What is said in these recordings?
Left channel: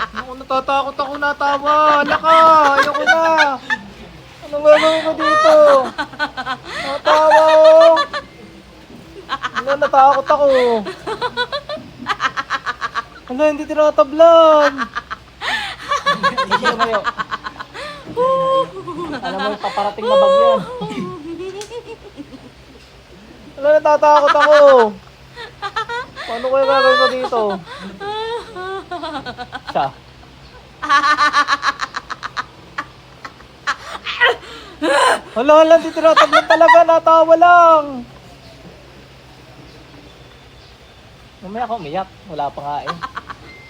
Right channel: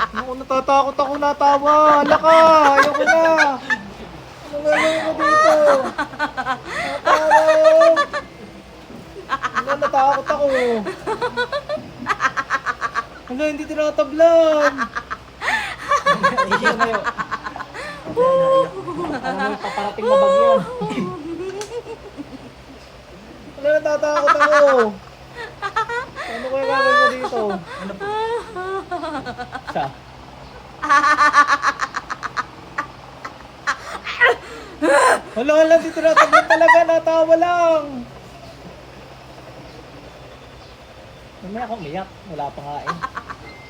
Ako natatakot ako natawa. Hala ka, ayoko na. Anong gagawin ko dito? Natawa ako. Hala, natakot ako. Hala, hindi tinatablan. Ano mo, paparating na bagyan. Hala, natatakot ako. Paano ko yung gagawin ko dito? Siya. Hala, hindi tinatablan talaga. Natawa lang. Mamaya ako umiyak. Wala pa nga eh.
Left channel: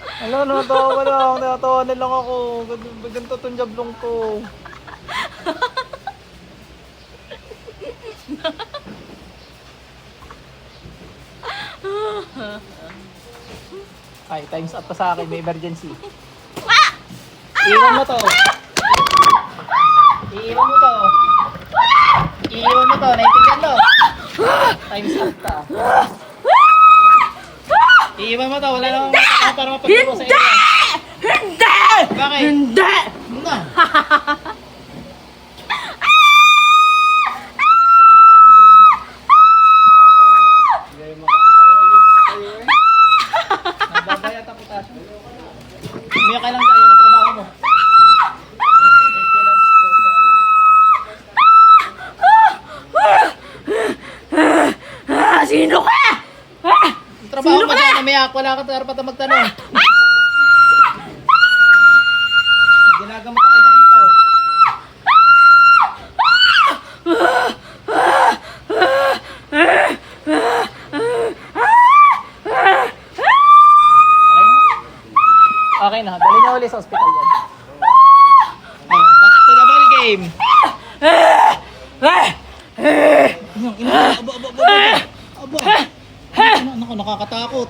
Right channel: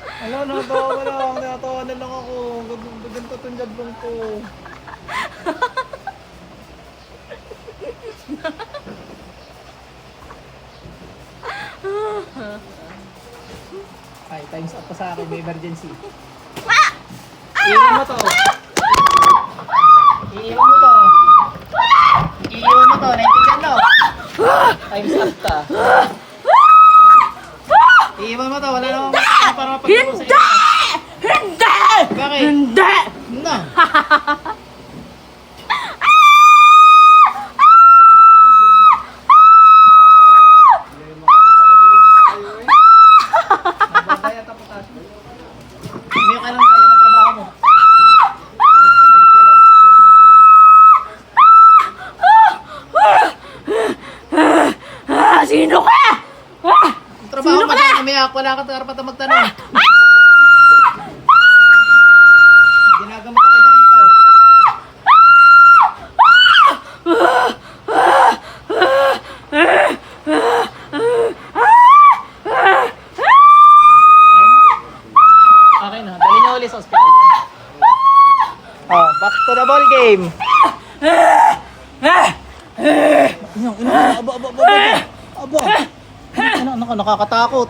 Hala, natawa lang. Natawa na lang ako. Ganito itong jablong ko. Ay, times up pa sa akin. May emergency. Iwan mo to. Iiwan mo to. Iiwan mo to. Naintindihan mo. Times up ka. Iiwan mo to. Wala namang para mapagpuro sa iyo. Hindi! Bakit? Hindi! Na. Umiyak ka lang tayo na trabaho mo. Sino ka? Ang trabaho mo na umiyak. Wala ka dapat na magtanong. Ginagamit ang iba dito. Okay na, dali niyo ulit sa ospital yan. Oh, back to the ball game. Aba. Naku, nakakatakot.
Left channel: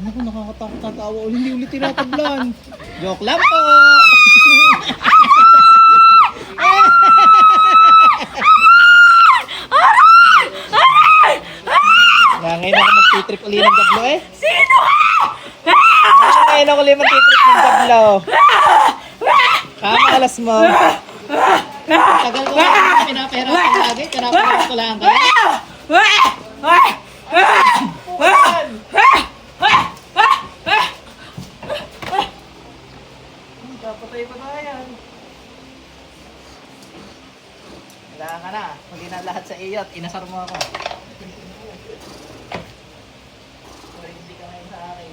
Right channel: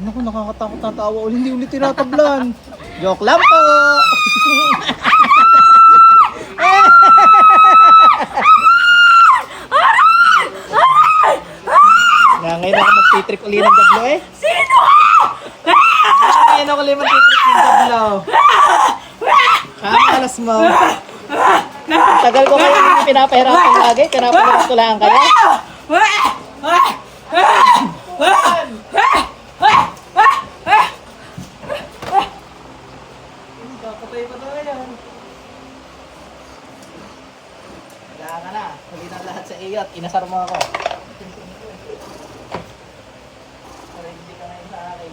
Naku, nakakatakot na tawa. Hindi ulit tinatablan. Joke lang po. Ngayon ako mag-trip uli ng jablo eh. Sino ka? Ngayon ako uli mag-trip ng jablo. Kamalas mo. Tagal ko kayo pinapahirapan lagi. Pinapahirapan ko lang kayo. Patay pa na yan. Wala ka na. Huli na lahat sa iyo at inasar mo ako. Pero hindi ka ngayon sa akin.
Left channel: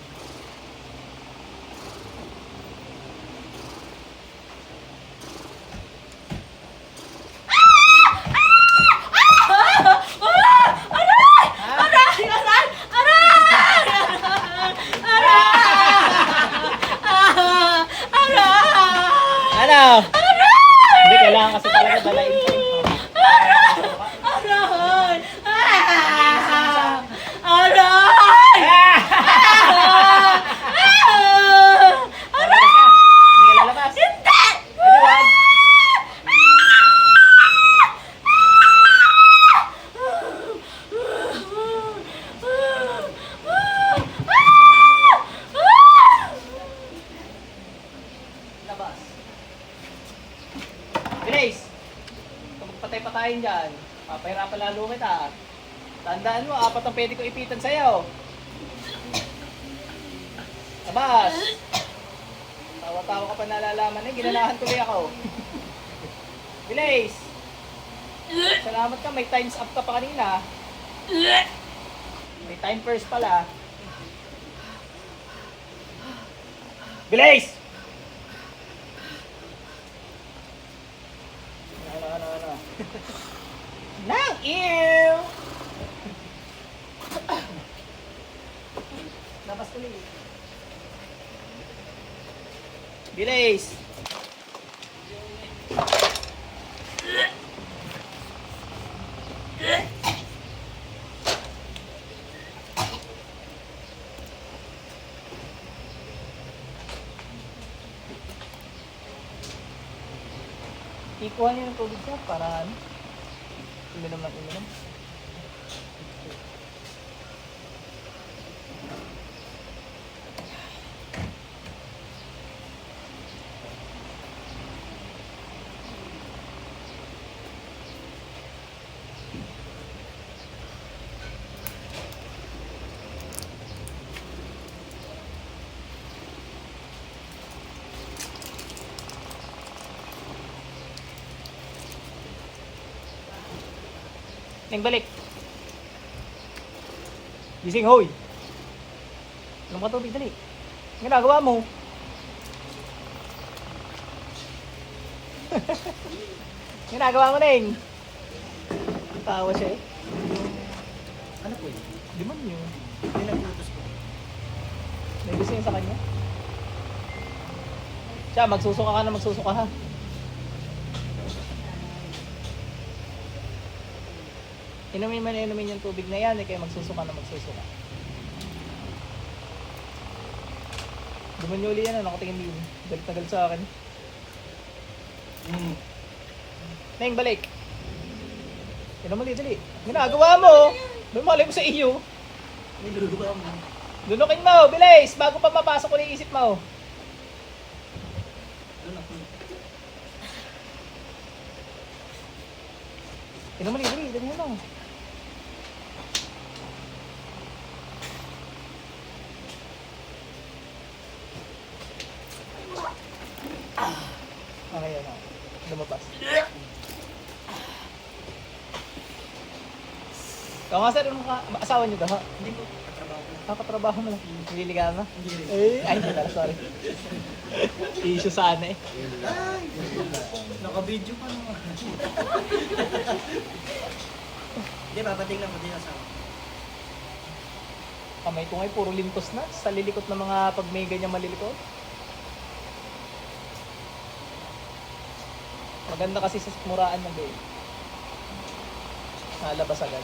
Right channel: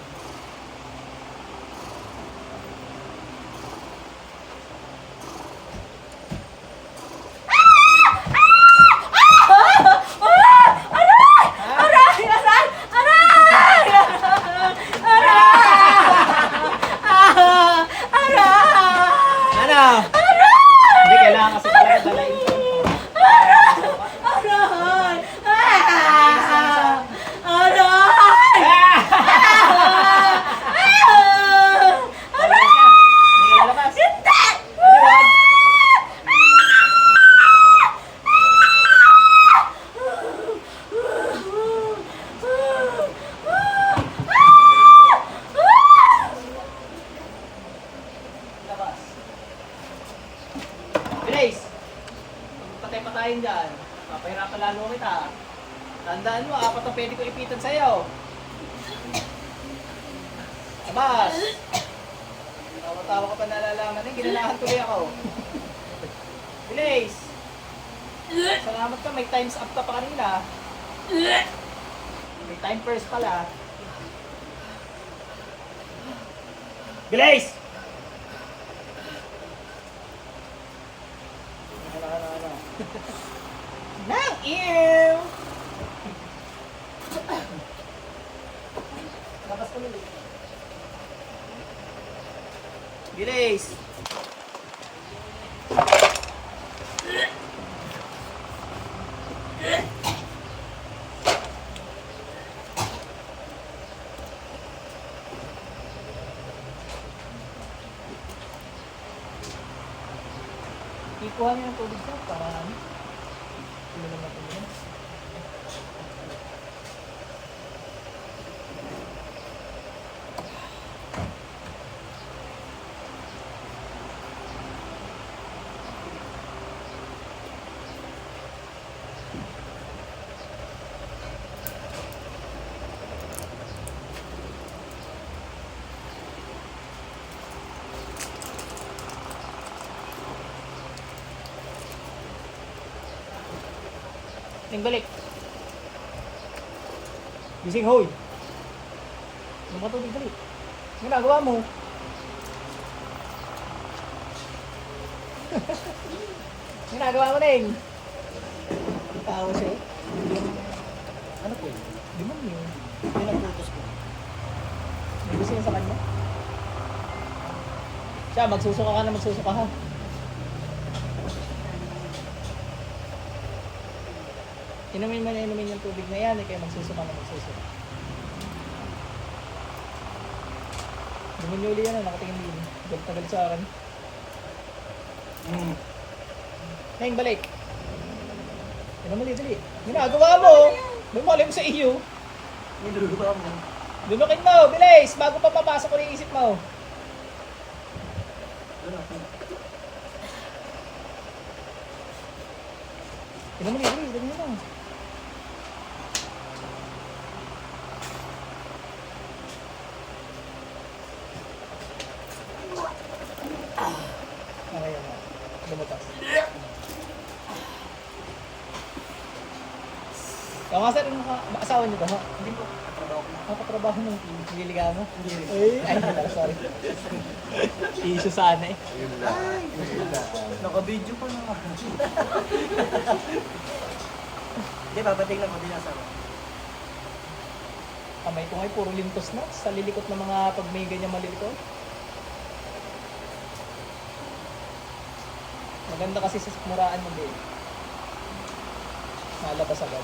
Ano? Hindi kailangan kasi talaga dalayin ko. Bilis! Patay-patayin dyan. Papahirapan lalo kita. Tandaan mo, apat ang pwede ko ipitan sa'yo. Abas! Tawa-tawa ka pa nalalaman eh. Ginanahan tuloy ako. Bilis! Salamat ka, may times up ka pa kanina. May time first pala. Bilis! Nang ew! Labas ko nili. Bilis! Ikuha niyo ng tubig sir para ano? Uminom na uminom. Neng, balik. Gising, hoy. Ano ka tubig, dali. Ano ginagawa mo? Ginagawa mo, Neng. Tawa siya eh. Ano po? Demonyo. Pinagputos ko. May gusto niya sa kanya? Siya, magsusuka ka na magsusuka ha. Inumin mo na inumin yung tubig na yan, eh, kaya magsusuka na magsusuka. Demonyo uli yan, nakatingin din. Tagal sa akin. Neng, balik. Ano mali, dali. Ginagawa mo. Lumali mo sa iyo. Niluluwa mo. Lunukin mo, bilis. Bago pa papasok ko na isip mo. Doon ako. Ano mali, dali. Dali mo na. Okay, yan. Lumabas. Ikaw nga sir, asawa niyo ba? Hindi po, katrabaho ko lang. Nakatrabaho mo, hindi ka mo? Hindi rin. Ay, wala, sorry. Issue sana eh. Ay! Naka-video pa na nga. Hindi, papatingnan ko din asawa. Kamay ko ngay, puro lintos na. Sa lilikot ng mga pag may ganyan malilikot. Maganda kasi sa muraan ng day. Nalabas agad.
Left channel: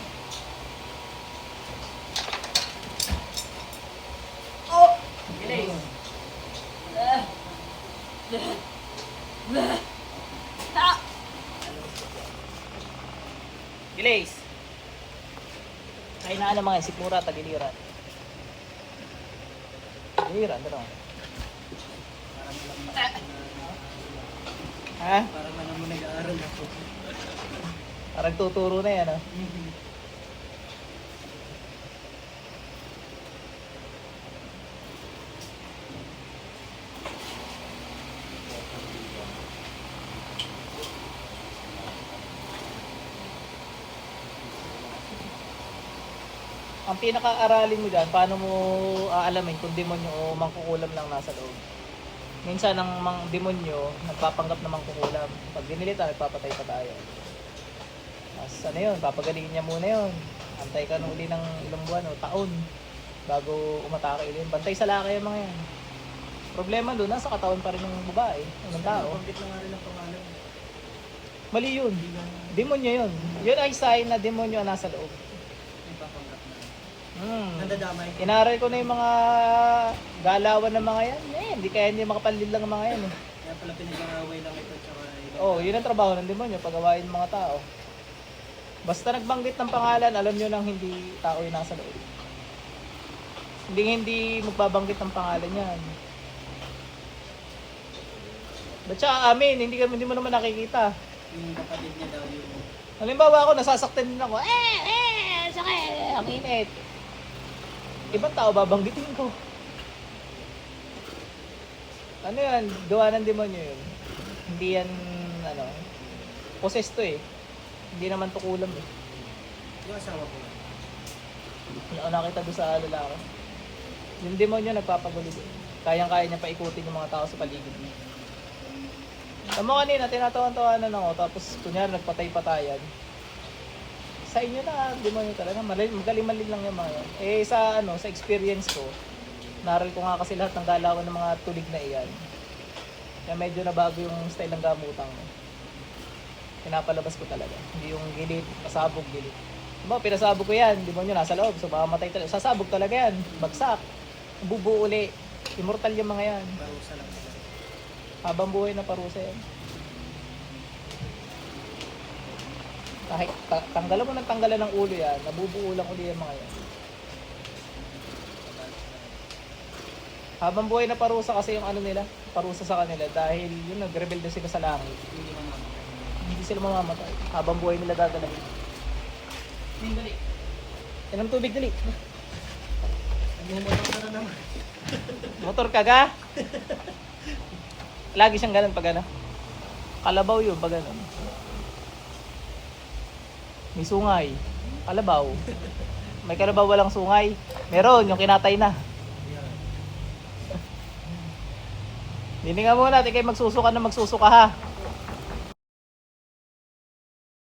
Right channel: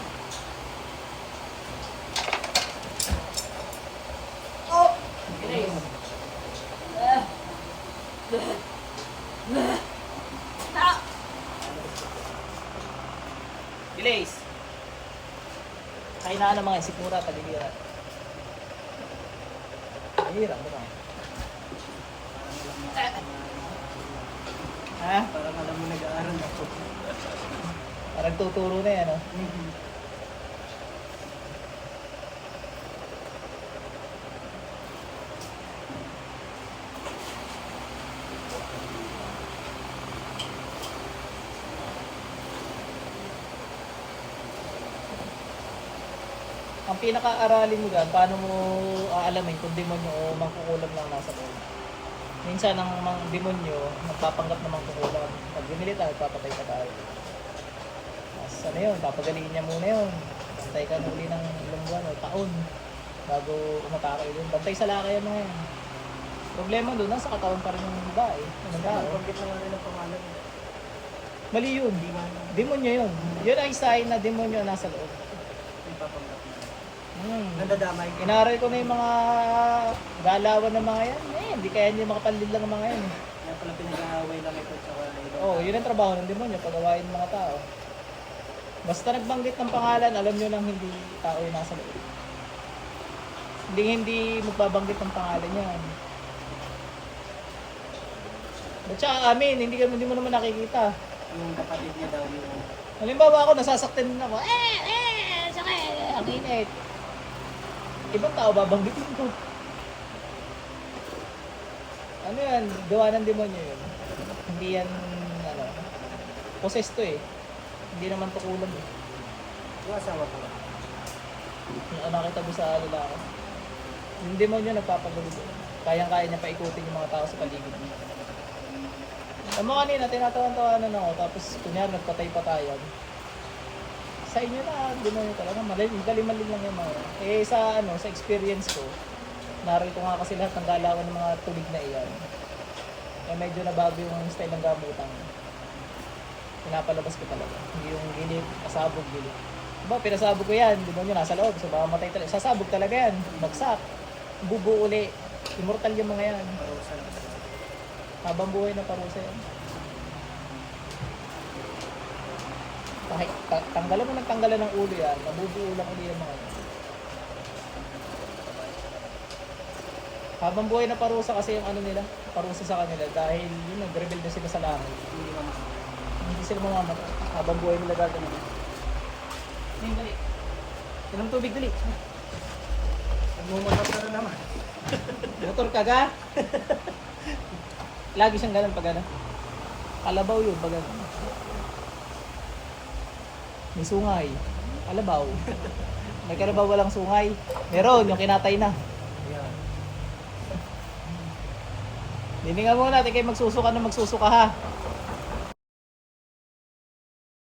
Oh! Bilis! Bilis! Kainaan ng mga isikmura, tagiliran. Tagiliran, ano? Ha? Parang alam mo nag-aaral ako. Parang tuturo na yan, oh. Ang pinaka-aralin mo dyan, paano mo aalamin kung demonyo o mangkukulam lang nasa loob. Minsan ang demonyo, nagpapanggap na mangkukulam. Pag ginilita, nagpapatay pa tayo. Mas ano yun, papagalingin niya muna yun. Bantay ka nuli ng ilang buwan o taon bago umatake yun. Bantay sa laki yung mga yun. Problema doon, nasa katawan pa rin ng babae. Anong tao? Pagkit na nga rin ang pangalan niya. Mali yun. Demonyo yun. Yun ay sign na demonyo ang nasa loob. Ipapanggap na. Nandadamay. Inaral ko na yung mga galawan ng mga yan. Hindi kaya hindi makapanlid lang ang mga yan. Kaya pala pinag-aaway lang ito tsaka iba. Oo, yun ang trabaho ng demonyo, pagawain ng mga tao. Basta nagbanggit ng pangalan, alam nyo nang hindi tao yung nasa loob. Hindi magbabanggit ng pangalan yan. Ba't siya amin, hindi mo naman nakikita. Yung kapatid niya daw yung... Halimbawa ako, nasasaktan din ako. Sakit, ang init. Ibang tao babanggitin ko. Ano yan, gawa ng demonyo yun. Hindi yan, ano, possessed to eh. Hindi naman tukulam eh. Yung asawa ko. Yung nakita doon sa lalaki. Yung demonyo nagpapagulo. Kayang-kaya niya paikutin yung mga tao sa paligid. Ang mga kanina, tinatawan-tawanan ako, tapos kunyari nagpatay-patayan. Sa inyo na, demonyo talaga, magaling-maling lang yung mga yan. Eh sa experience ko, narito nga kasi lahat ng galawan ng mga tulig na iyan. Kaya medyo nabago yung style ng gamutan. Pinapalabas ko talaga. Hindi yung gilit, pasabog, gilit. Diba, pinasabog ko yan, demonyo nasa loob, so baka matay talaga. Sasabog talaga yan, bagsak, bubuo uli. Immortal yung mga yan. Parusa lang talaga. Habang buhay na parusa yan. Kahit tanggalan mo ng tanggalan ng ulo yan, nabubuo lang ulit yung mga yan. Habang buhay na parusa kasi yung ano nila, parusa sa kanila dahil yun, nag-rebelde sila sa langit. Hindi mamamatay. Hindi sila mamamatay. Habang buhay nila gaganapin. Yung dali. Ilang tubig dali. Nagmumotor ka na naman. Motor ka ga? Lagi siyang ganun pag ano. Kalabaw yun pag ano. May sungay. Kalabaw. May kalabaw walang sungay. Meron, yung kinatay na. Yan. Bili nga muna, di kayo magsusuka na magsusuka ha.